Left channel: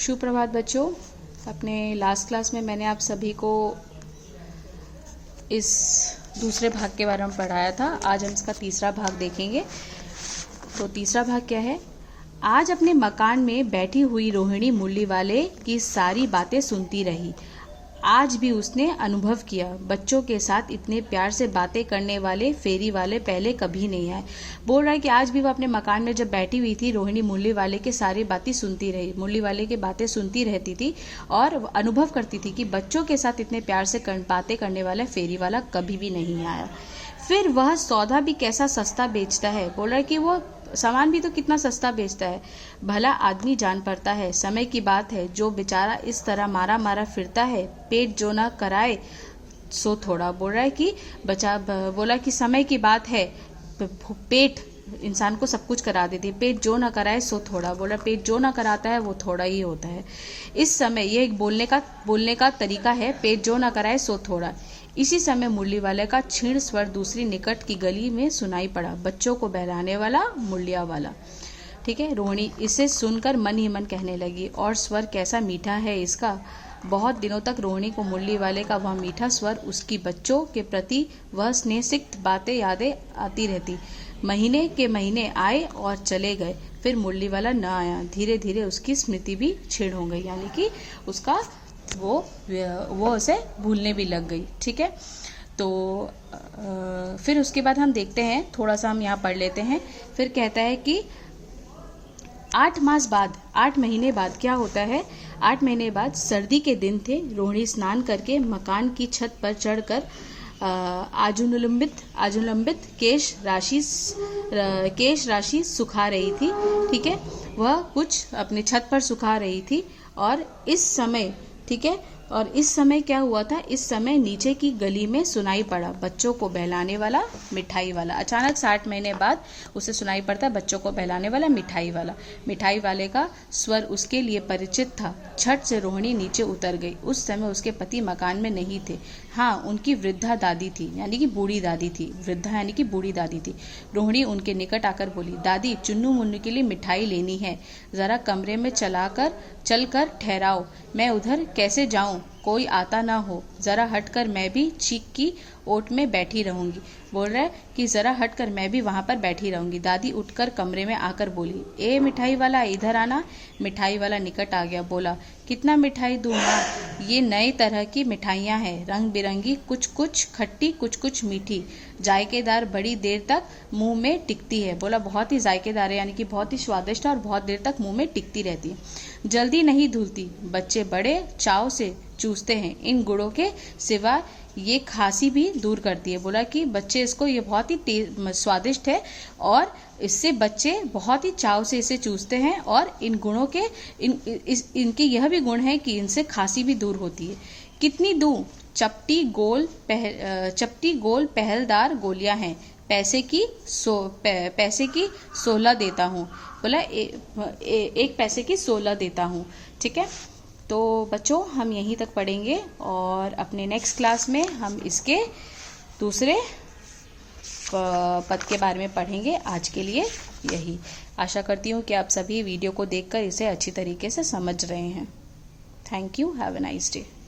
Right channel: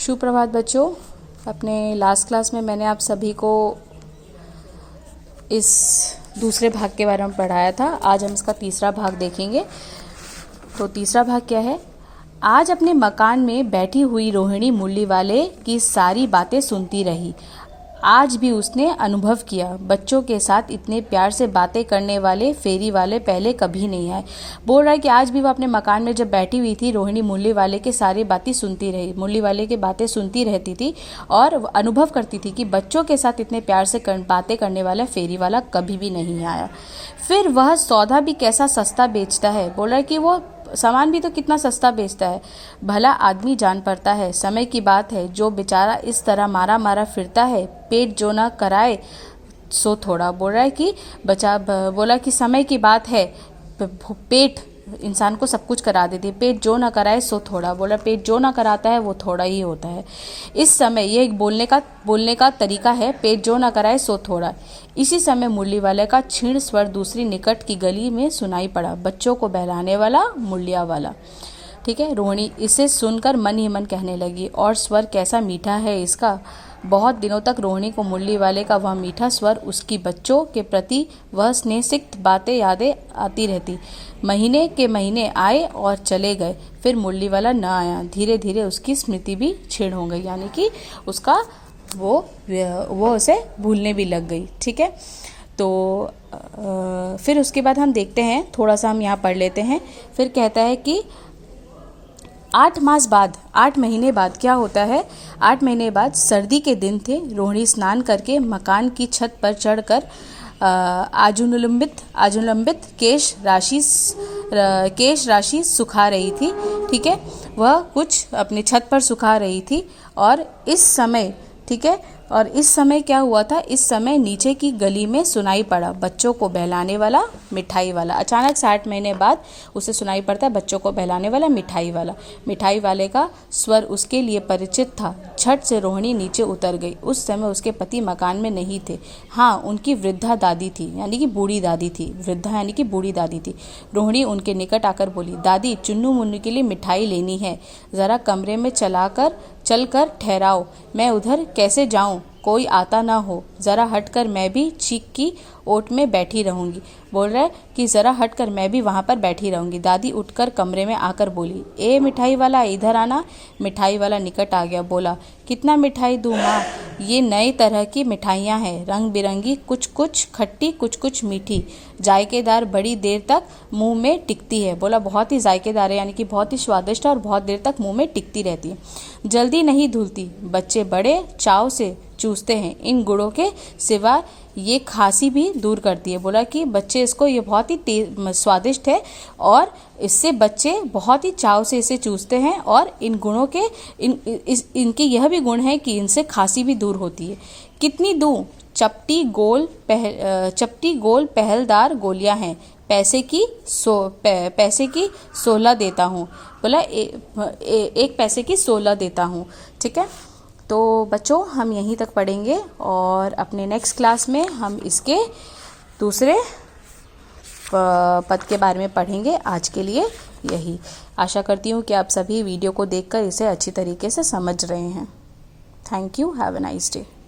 सुप्रभात बच्चों। अपने लास्ट क्लास में मैंने आप सभी को इस दूसरे भाग के बारे में पढ़ाया था। आज हम इसका तीसरा भाग देखेंगे। तो तीसरा भाग क्या है? आज अपने मकान में बैठी हुई रोहिणी मुरली वाले की सारी बातें सुनती रही। आज भी उसने अनुभव किया, बच्चों के साथ इतने प्यार से बातें करने वाले फेरी वाले पहले कभी नहीं आए। बोल रहा है कि आज भी वो अपने मकान में जब बैठी हुई थी, रोहिणी मुरली वाले के सारी बातें सुनती रही, मुरली वाले की बातें सुनती रहती थी और अनुभव करती थी कि बच्चों के साथ इतने प्यार से बातें करने वाला फेरी वाला कभी भी नहीं आया। फिर वह सौदा भी कैसा सस्ता बेचता है। बोल रहा है कि वो सामान भी तो कितना सस्ता बेचता है। भला आदमी जान पड़ता है, समय की बात है, जो बेचारा इस तरह मारा मारा फिरता है, पेट जो ना कराए सो थोड़ा। बोल रहा है कि बोला कि समय की बात है, पेट इंसान को सब कुछ करा देती है, पेट जो ना कराए सो थोड़ा। बोला पेट जो ना कराता है वो थोड़ा ही होता है। इस समय ये एक बोलने का तरीका है, पेट जो ना कराए सो थोड़ा। इसी समय मुरली वाले का क्षीण स्वर दूसरी निकट की गली में सुनाई पड़ा, बच्चों को बहलाने वाला मुरलिया वाला। ठीक है। रोहिणी इसे सुनकर मन ही मन कहने लगी, और स्वर कैसा मीठा है इसका। बहुत दिनों तक रोहिणी को मुरली वाले का वह मीठा स्वर, उसकी बच्चों के प्रति वह स्नेहसिक्त बातें यादें आती रहती। महीने के महीने आए और चले गए, फिर मुरली वाला न आया। धीरे धीरे उसकी स्मृति भी क्षीण हो गई, यानी कि उसका वो उसे भूलने भी लग गई। ठीक है। तो फिर उसके बाद हम देखते हैं, थोड़ा सा हम यहाँ पढ़ लेते हैं। फिर कहता है कि 8 महीने बाद क्या होता है। 8 महीने बाद सर्दी के दिन थे। रोहिणी स्नान करके मकान की छत पर चढ़कर आजुलंबित केश राशि सुखा रही थी। ठीक है। वह कुछ अपने छत पर सुखा रही थी और इस समय, ठीक है, और इस समय क्या हुआ था, इस समय नीचे की गली में सुनाई पड़ा, बच्चों को बहलाने वाला मिठाई वाला। अचानक 60 महीने बाद उसे सुनाई पड़ता है, बच्चों को बहलाने वाला मिठाई वाला। मिठाई वाले का स्वर उसके लिए परिचित था। झट से रोहिणी नीचे उतर गई। उस समय उसके पति मकान में नहीं थे। हाँ, उनकी वृद्धा दादी थी, यानी कि बूढ़ी दादी थी। वृद्धा यानी कि बूढ़ी दादी थी। रोहिणी उनके निकट आकर बोली, दादी, चुन्नू मुन्नू के लिए मिठाई लेनी है, जरा कमरे में चलकर ठहराओ। मैं उधर कैसे जाऊं, कोई आता ना हो। जरा हटकर मैं भी चीक की ओट में बैठी रहूंगी। बोल रहा है कि जरा हटकर मैं भी वहां पर बैठी रहूंगी। दादी उठकर कमरे में आकर बोली, ए मिठाई वाला, इधर आना। मिठाई वाला निकट आ गया। बोला, कितना मिठाई दूं माँ? ये नई तरह की मिठाइयाँ हैं, रंग बिरंगी, कुछ कुछ खट्टी, कुछ कुछ मीठी, जायकेदार, बड़ी देर तक मुंह में टिकती है। बोला, बहुत ही जायकेदार है, यानी कि बहुत ही स्वादिष्ट और बहुत देर तक मुंह में टिकती रहती है। जल्दी नहीं धुलती, बच्चे बड़े चाव से चूसते हैं। इन गुड़ों के सिवा ये खांसी भी दूर करती है। बोला कि बच्चे इसको, ये बहुत ही स्वादिष्ट है और इससे बच्चे बहुत ही चाव से इसे चूसते हैं, और इन गुणों के इनके यह भी गुण है कि इनसे खांसी भी दूर होती है। कितनी दूं? चपटी गोल पहलदार गोलियां हैं, पैसे की 16 देता हूँ। बोला, एक पैसे की 16 देता हूँ। ठीक है। तो बच्चों, हम यहीं तक पढ़ेंगे और अपने नेक्स्ट क्लास में हम इसके दूसरे पद के बारे में पढ़ेंगे। आज के लिए यही। आशा करती हूँ कि आप सभी वीडियो को देखकर इसे अच्छी तरीके से समझ रहे हैं। Thank you. Have a nice day.